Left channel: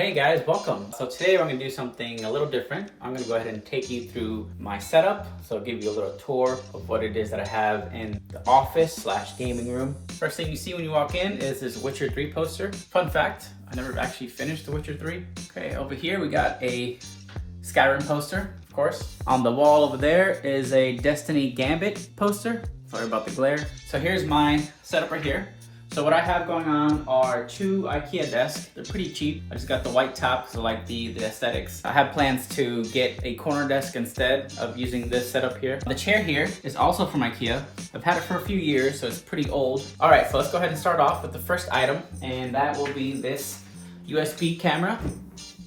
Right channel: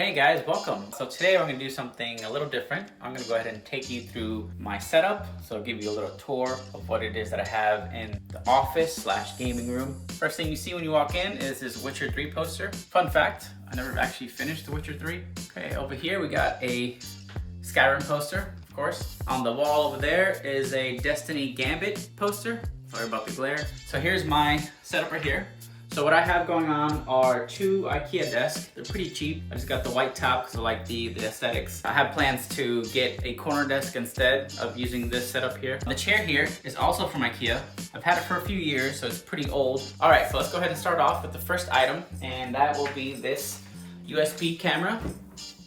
hey guys, welcome. So today I'm gonna do something a little different. I'm gonna go ahead and take you through my setup. So I'll give you a little tour of what it is that I have in the office / gaming room. First thing you see when you walk in is this Witcher 3 poster. Fun fact, I never actually finished The Witcher 3. Okay, over here we got a Skyrim poster, of course. On the wall over there is a Destiny Gambit poster. Sorry about the glare. So here's my setup right here. So what I have going on are two IKEA desks. They're pretty cheap. I just got the white top because I like the aesthetics. I have plans to get a corner desk instead of using this setup here. The chair here is also from IKEA. I've had it for a few years, so it's pretty old. All right, so let's go ahead and start off with the first item, and that will be this USB camera.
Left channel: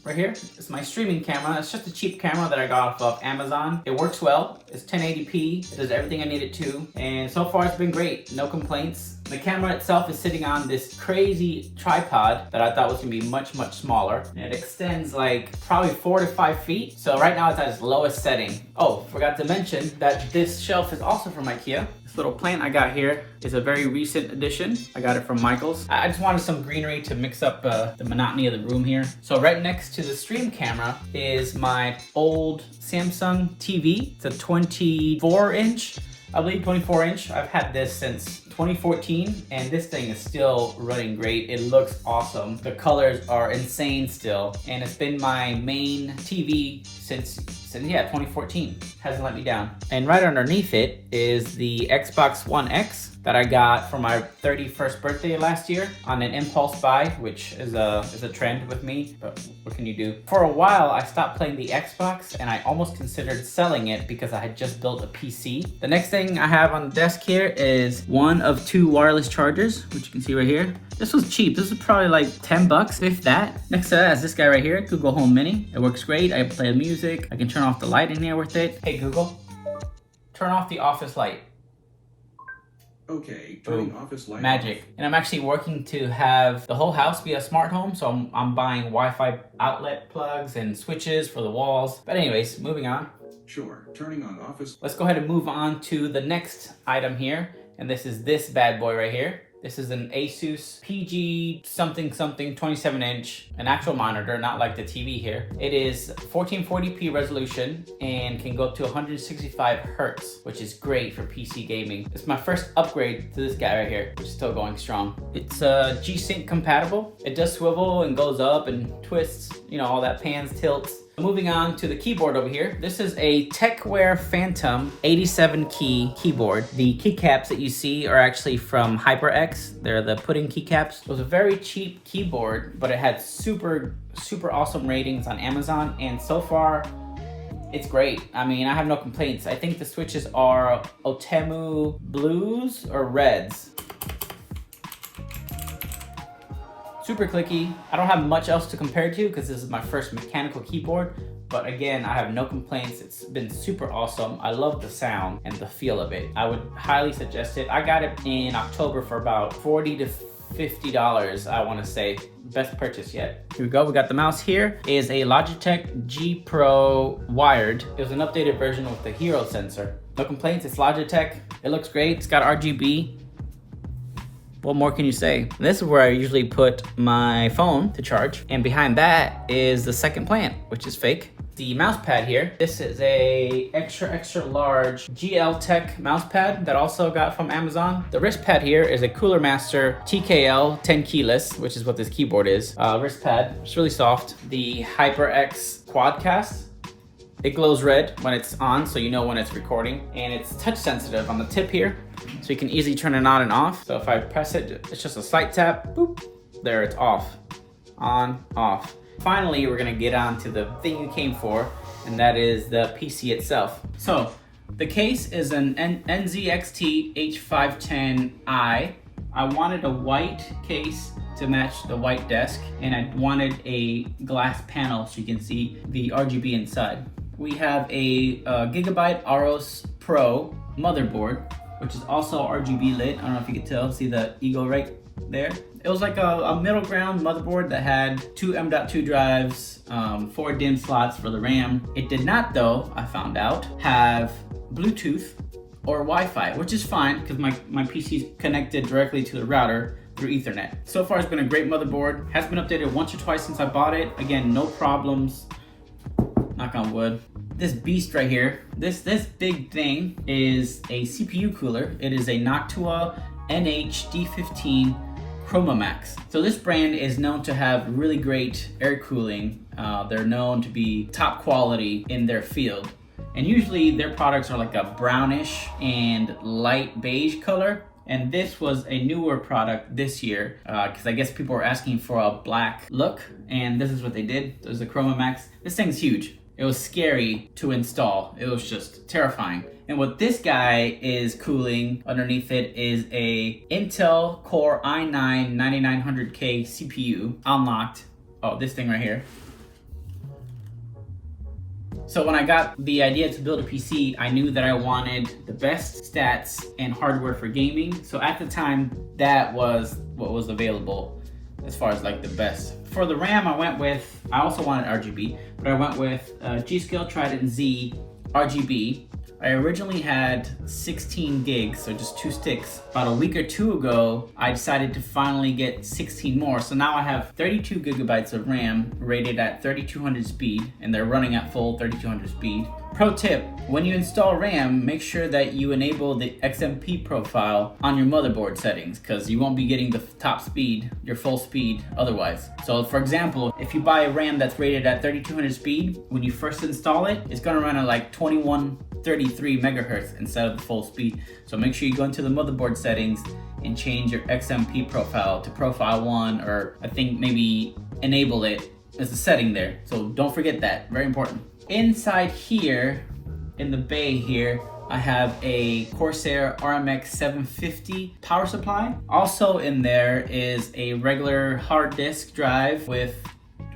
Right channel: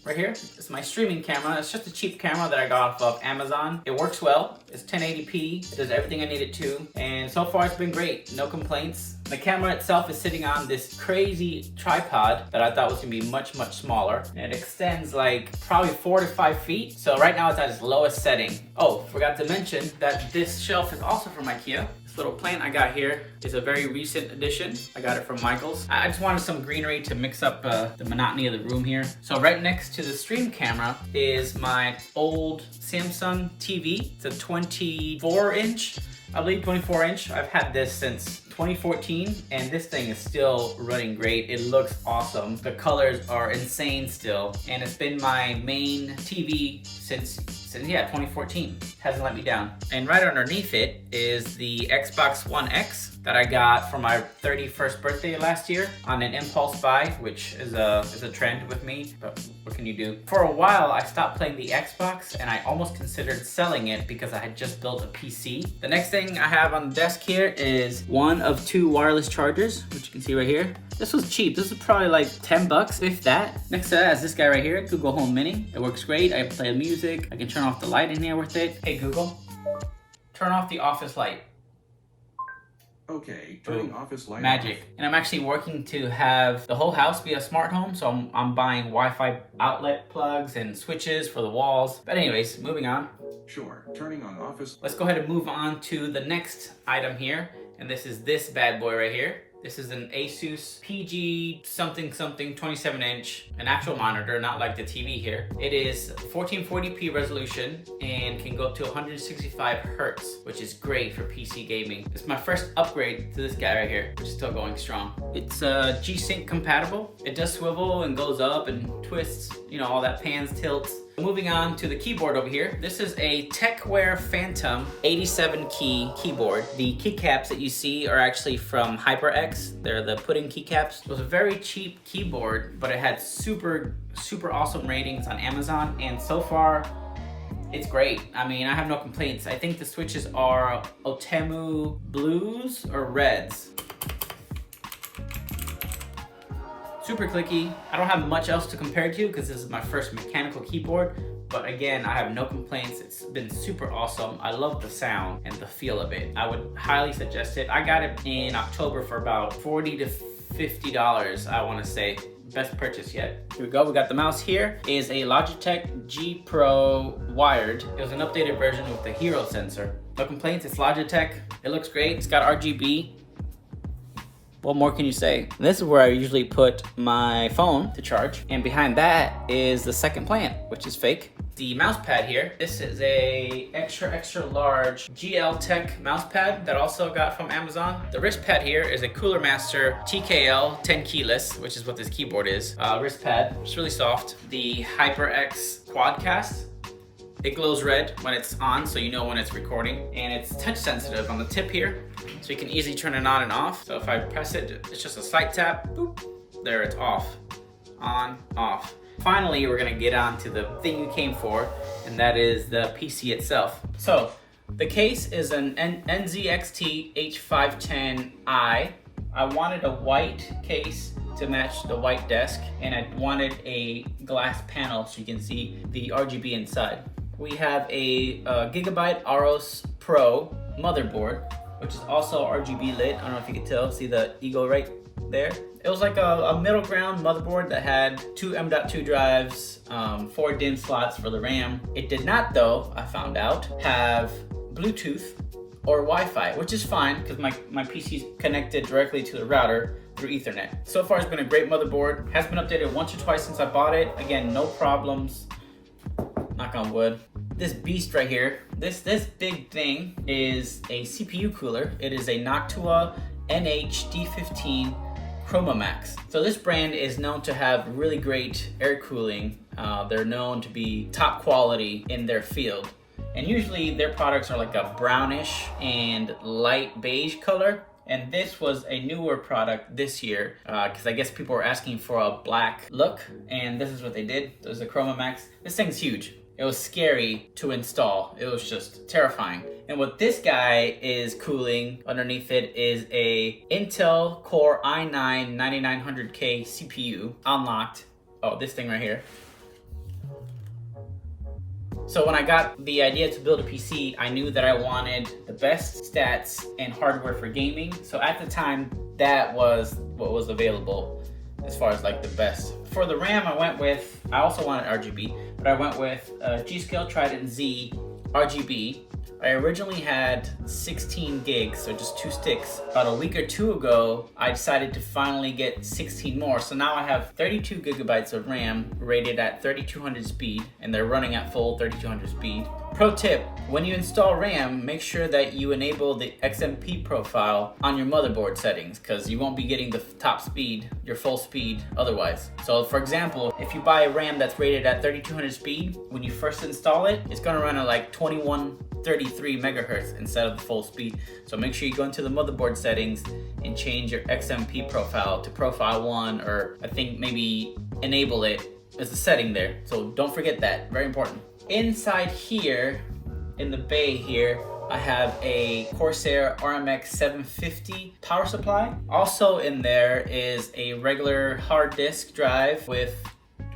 Right here, it's my streaming camera. It's just a cheap camera that I got off of Amazon. It works well, it's 1080p, it does everything I need it to, and so far it's been great, no complaints. The camera itself is sitting on this crazy tripod that I thought was gonna be much smaller. And it extends like probably 4 to 5 feet. So right now it's at its lowest setting. Oh, forgot to mention that this shelf is also from IKEA. This little plant I got here is a very recent addition. I got it from Michael's. I just wanted some greenery to mix up the monotony of the room here. So right next to the stream camera is my old Samsung TV. It's a 24-inch, I believe 24-inch. I've had this since 2014, and this thing is still running great. It looks awesome. The colors are insane still, and it's been my main TV since 2014. Hasn't let me down. And right underneath it is the Xbox One X that I got for my 31st birthday last year on an impulse buy, which is a trend with me, but what can you do? For a while, I stopped playing the Xbox, and I almost considered selling it because I had just built a PC. The next thing I have on the desk here is one of 2 wireless chargers, which you can see right here. This was cheap. This is probably like 10 bucks, if that. Next to that is this guy right here, Google Home Mini. It works great. I can play music. I can turn off the light in here with it. Hey Google, turn off the office light. Okay, turning office light. Magic. And I'm actually working to have the whole house be a smart home, so I'm buying Wi-Fi outlet plugs and switches for the walls. But anyways, moving on. Sure, turning on office. Let's go ahead and move on to the next item here, and this is this bad boy right here. This is an Asus PG something 27-inch, an actual monitor, not like the TV here. It is 1440p resolution and can go up to 165 hertz, which is great for PC gaming. It's my first upgrade to this guy right here, which is still going strong. It's G-Sync compatible. It does swivel and goes up and twists, you know, all that pans, tilts. Moving on to the keyboard over here. This is a TechWare Phantom 87 key keyboard. The keycaps that you see are actually from HyperX. They're the pudding keycaps. It was a very cheap keyboard, but it had super awesome ratings on Amazon, and so far it's great. I mean, I have no complaints. I think the switches are Otemu blues or reds. Super clicky. I don't have much else to compare it to because this is my first mechanical keyboard, but again, I have no complaints. It's been super awesome. I love the sound and the feel of it. I would highly suggest it. I got it in October for about $40 to $50, I want to say. Best purchase yet. Here we go, we got the mouse here. Is a Logitech G Pro wired. It was an updated version with the Hero sensor. No complaints, it's Logitech. It looks great, it's got RGB. What more can you say? This is where I usually put my phone to charge. And behind that is the second plant, which is fake. The mouse pad here, this is a extra large GL Tech mouse pad that I also got from Amazon. The wrist pad here is a Cooler Master TKL 10 keyless, which is what this keyboard is. Wrist pad, it's really soft. The HyperX Quadcast. It glows red when it's on, so you know when it's recording. And it's touch sensitive on the tip here, so you can easily turn it on and off. So if I press it, it's just a slight tap, boop, there it's off, on, off. Finally, we're gonna get on to the thing you came for, and that is the PC itself. So the case is an NZXT H510i. I wanted a white case to match the white desk, and I wanted a glass panel so you can see the RGB inside. We have a Gigabyte Aros Pro motherboard, which is also RGB lit. I don't know if you can tell, see the eagle right there? It was like a middle ground motherboard that had 2 M.2 drives, 4 DIMM slots for the RAM. It did not, though, I found out, have Bluetooth or Wi-Fi, which is fine because my PC is connected directly to the router, through Ethernet. So far, it's been a great motherboard. Has been updated once or twice since I bought it. Again, no problems. Knock on wood. This beast right here, this big thing is a CPU cooler. It is a Noctua NH-D15 Chroma Max. So this brand is known to have really great air cooling. They're known to be top quality in their field. And usually their products are like a brownish and light beige color. And this was a newer product this year because I guess people were asking for a black look. And this is what they did. There's the Chroma Max. This thing's huge. It was scary to install. It was just terrifying. And what this guy is cooling underneath it is a Intel Core i9 9900K CPU unlocked. Oh, this thing right here. So when I got the idea to build a PC, I knew that I wanted the best stats and hardware for gaming. So at the time, that was what was available as far as like the best. For the RAM, I also wanted RGB, but I went with G.Skill Trident Z RGB. I originally had 16 gigs, so just 2 sticks. About a week or 2 ago, I decided to finally get 16 more. So now I have 32 gigabytes of RAM rated at 3200 speed, and they're running at full 3200 speed. Pro tip, when you install RAM, make sure that you enable the XMP profile on your motherboard settings, because you won't be getting the top speed, your full speed otherwise. So for example, if you buy a RAM that's rated at 3200 speed, when you first install it, it's gonna run at like 2133 megahertz instead of the full speed. So make sure you go into the motherboard settings and change your XMP profile to profile 1, or I think maybe enable it as a setting there. So don't forget that, very important. Inside here, in the bay here, I have a Corsair RMX 750 power supply. Also in there is a regular hard disk drive with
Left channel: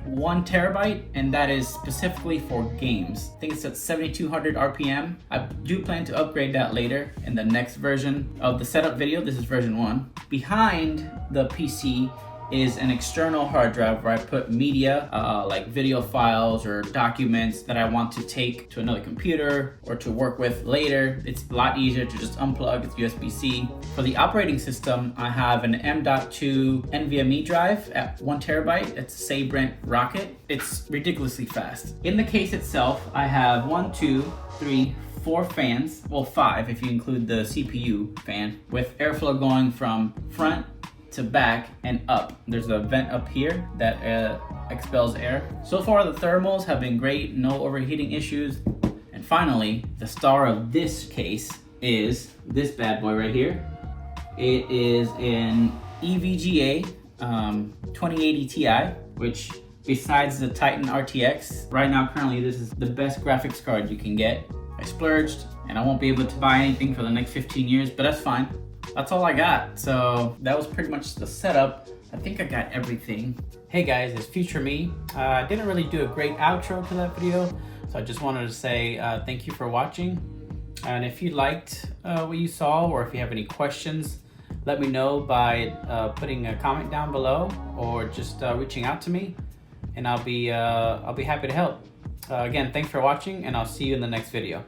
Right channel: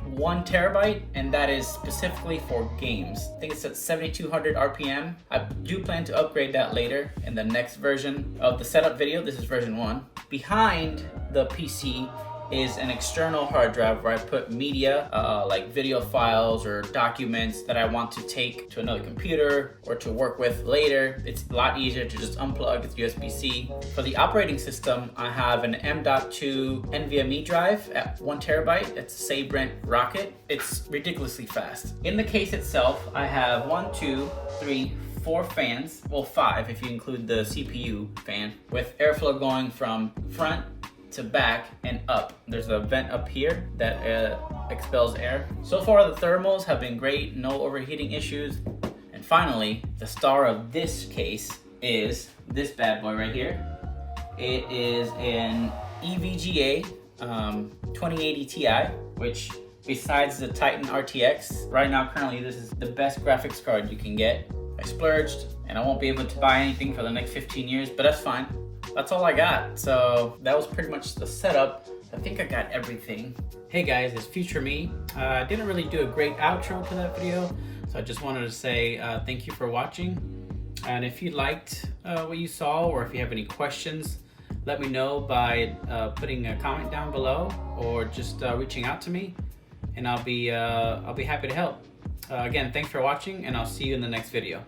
1 terabyte, and that is specifically for games. I think it's at 7200 RPM. I do plan to upgrade that later in the next version of the setup video. This is version 1. Behind the PC is an external hard drive where I put media, like video files or documents that I want to take to another computer or to work with later. It's a lot easier to just unplug. It's USB-C. For the operating system, I have an M.2 NVMe drive at 1 terabyte. It's a Sabrent Rocket. It's ridiculously fast. In the case itself, I have 1, 2, 3, 4 fans, well 5 if you include the CPU fan, with airflow going from front to back and up. There's a vent up here that expels air. So far the thermals have been great, no overheating issues. And finally, the star of this case is this bad boy right here. It is an EVGA 2080 Ti, which besides the Titan RTX, right now currently this is the best graphics card you can get. I splurged and I won't be able to buy anything for the next 15 years, but that's fine. That's all I got. So that was pretty much the setup. I think I got everything. Hey guys, it's Future Me. I didn't really do a great outro to that video, so I just wanted to say thank you for watching. And if you liked what you saw, or if you have any questions, let me know by putting a comment down below, or just reaching out to me, and I'll be happy to help. Again, thanks for watching, and I'll see you in the next video.